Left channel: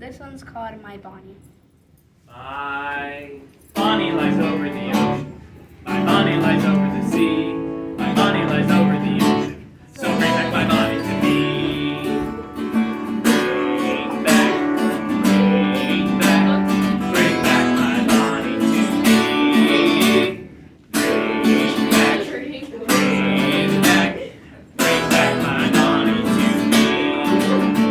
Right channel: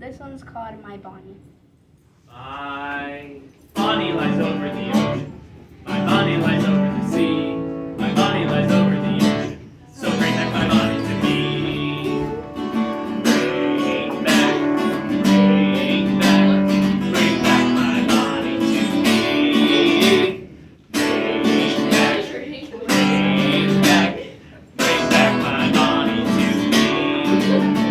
This one's called My Bonnie. My Bonnie lies over the ocean. My Bonnie lies over the sea. My Bonnie lies over the ocean. So bring back my Bonnie to me. Bring back, bring back, bring back my Bonnie to me. Bring back, bring back my Bonnie to me.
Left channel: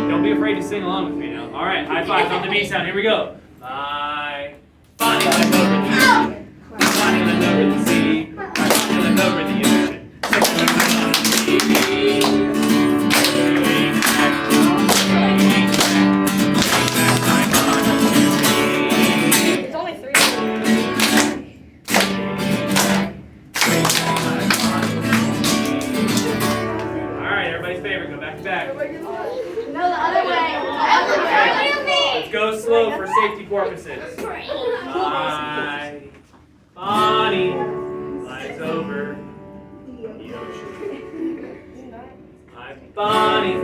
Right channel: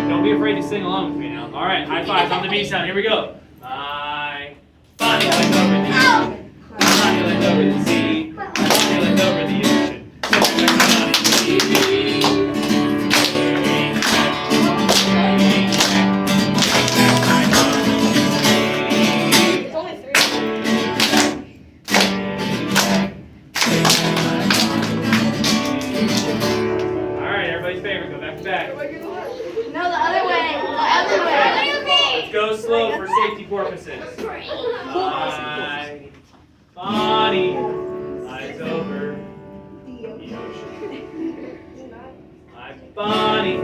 Don't be afraid to sing along with me now. All right, high fives on the B sound. Here we go. My Bonnie lies over the ocean. My Bonnie lies over the sea. My Bonnie lies over the ocean. So bring my Bonnie to me. Bring back, bring back, bring back my Bonnie to me. It's only 3. Bring back my Bonnie to me. All right, everybody's favorite. Go back to back. No, the other way. The other way. Let's go slow for safety purposes. My Bonnie lies over the ocean. My Bonnie